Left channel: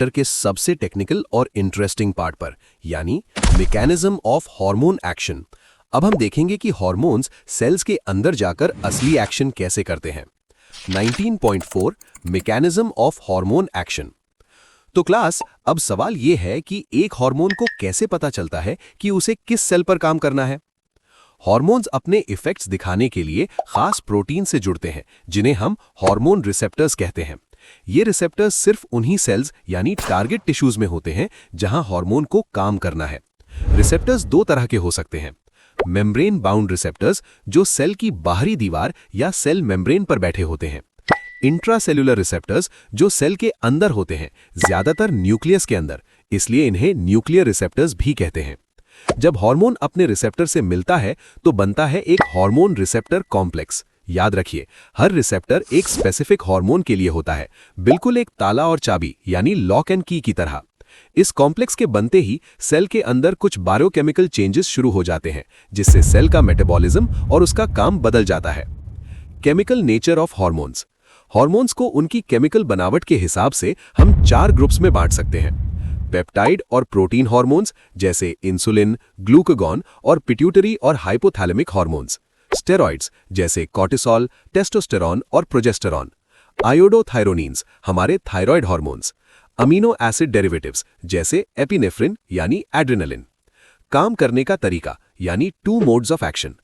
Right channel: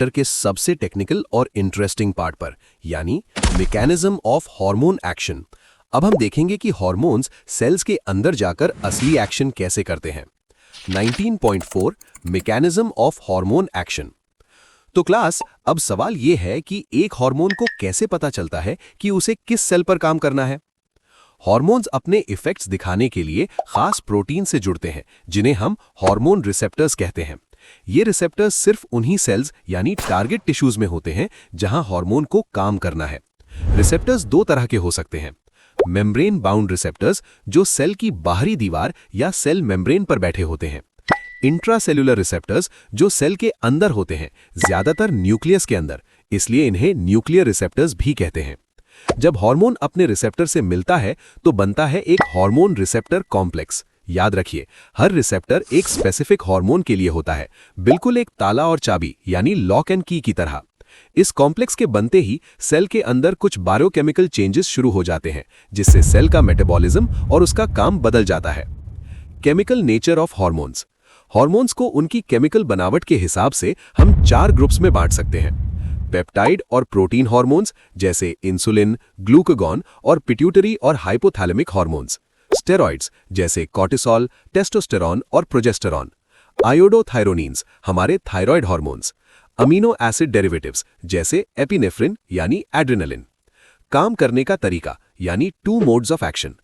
Chapter के सबसे technical और इंटरेस्टिंग पार्ट पर, यानी मैकेनिज्म ऑफ हार्मोन एक्शन। अब हम देखेंगे कि हार्मोन्स सेल्स के अंदर जाकर असली एक्शन कैसे करते हैं। 19.4 मैकेनिज्म ऑफ हार्मोन एक्शन। तो क्लास, अब सवाल यह है कि एक हार्मोन को कैसे पता चलता है कि उसे किस सेल पर काम करना है। हार्मोन्स अपने इफेक्ट्स दिखाने के लिए खास प्रोटीन से जुड़ते हैं, जिन्हें हम हार्मोन रिसेप्टर्स कहते हैं। ये रिसेप्टर्स सिर्फ उन्हीं सेल्स यानी टारगेट टिश्यूज में होते हैं जहां हार्मोन को काम करना है। रिसेप्टर्स दो तरह के हो सकते हैं। मेम्ब्रेन बाउंड रिसेप्टर्स, जो सेल की बाहरी दीवार या सेल मेम्ब्रेन पर बैठे होते हैं। इंट्रासेल्युलर रिसेप्टर्स, जो सेल के अंदर होते हैं, ज्यादातर न्यूक्लियस के अंदर, इसलिए इन्हें न्यूक्लियर रिसेप्टर्स भी कहते हैं। जब हार्मोन अपने रिसेप्टर से मिलता है तो बनता है एक हार्मोन रिसेप्टर कॉम्प्लेक्स। याद रखिए, हर रिसेप्टर एक स्पेसिफिक हार्मोन के लिए होता है, बिल्कुल एक ताला और चाबी यानी लॉक एंड की तरह। इस कॉम्प्लेक्स के बनते ही सेल के अंदर कुछ बायोकेमिकल चेंजेस शुरू हो जाते हैं, जिससे सेल का मेटाबॉलिज्म और उसका काम बदल जाता है। Chemical nature of hormones. Hormones को उनकी केमिकल बनावट के हिसाब से हम 4 ग्रुप्स में बांट सकते हैं। पेप्टाइड और प्रोटीन हार्मोन्स जैसे इंसुलिन, ग्लूकागॉन और पिट्यूटरी और हाइपोथैलेमिक हार्मोन्स। स्टेरॉइड्स जैसे कॉर्टिसोल, टेस्टोस्टेरॉन और प्रोजेस्टेरॉन। आयोडोथायरोनिन्स, हमारे thyroid hormones. Amino acid derivatives जैसे एपिनेफ्रिन यानी एड्रेनालिन। काम करने का तरीका यानी 2 मोड्स ऑफ एक्शन।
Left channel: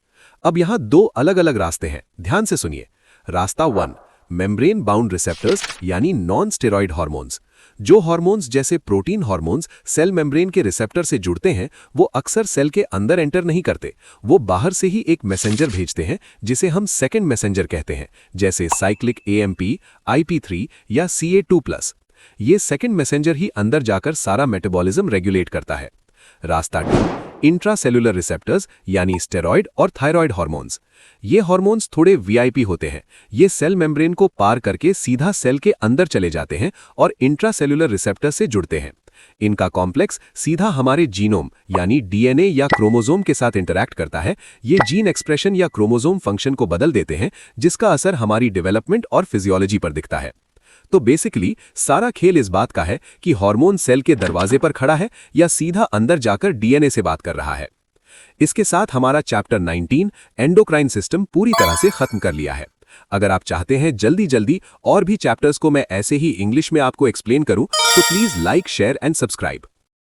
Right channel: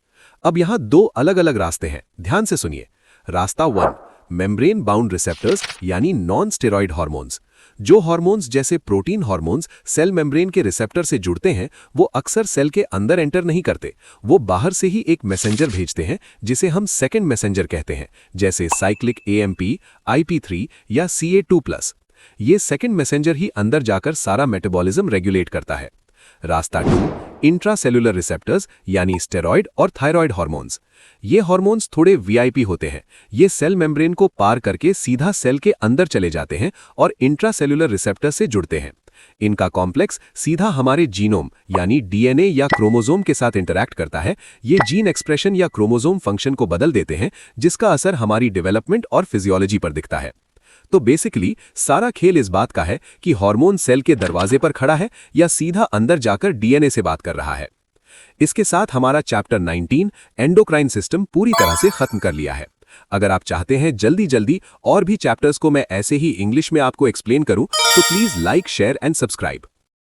अब यहाँ 2 अलग अलग रास्ते हैं, ध्यान से सुनिए। रास्ता 1, मेम्ब्रेन बाउंड रिसेप्टर्स यानी नॉन स्टेरॉइड हार्मोन्स। जो हार्मोन्स जैसे प्रोटीन हार्मोन्स सेल मेम्ब्रेन के रिसेप्टर से जुड़ते हैं, वो अक्सर सेल के अंदर एंटर नहीं करते। वो बाहर से ही एक मैसेंजर भेजते हैं, जिसे हम सेकेंड मैसेंजर कहते हैं, जैसे साइक्लिक AMP, IP3 या CA2+। ये सेकेंड मैसेंजर ही अंदर जाकर सारा मेटाबॉलिज्म रेगुलेट करता है। रास्ता 2, इंट्रासेल्युलर रिसेप्टर्स यानी स्टेरॉइड और थायराइड हार्मोन्स। ये हार्मोन्स थोड़े VIP होते हैं। ये सेल मेम्ब्रेन को पार करके सीधा सेल के अंदर चले जाते हैं और इंट्रासेल्युलर रिसेप्टर से जुड़ते हैं। इनका कॉम्प्लेक्स सीधा हमारे जीनोम यानी DNA या क्रोमोसोम के साथ इंटरैक्ट करता है। ये जीन एक्सप्रेशन या क्रोमोसोम फंक्शन को बदल देते हैं, जिसका असर हमारी डेवलपमेंट और फिजियोलॉजी पर दिखता है। तो बेसिकली सारा खेल इस बात का है कि हार्मोन सेल के दरवाजे पर खड़ा है या सीधा अंदर जाकर DNA से बात कर रहा है। इसके साथ हमारा चैप्टर 19 एंडोक्राइन सिस्टम पूरी तरह से खत्म कर लिया है। अगर आप चाहते हैं जल्दी जल्दी और भी चैप्टर्स को मैं ऐसे ही इंग्लिश में आपको एक्सप्लेन करूं, तो please like, share and subscribe.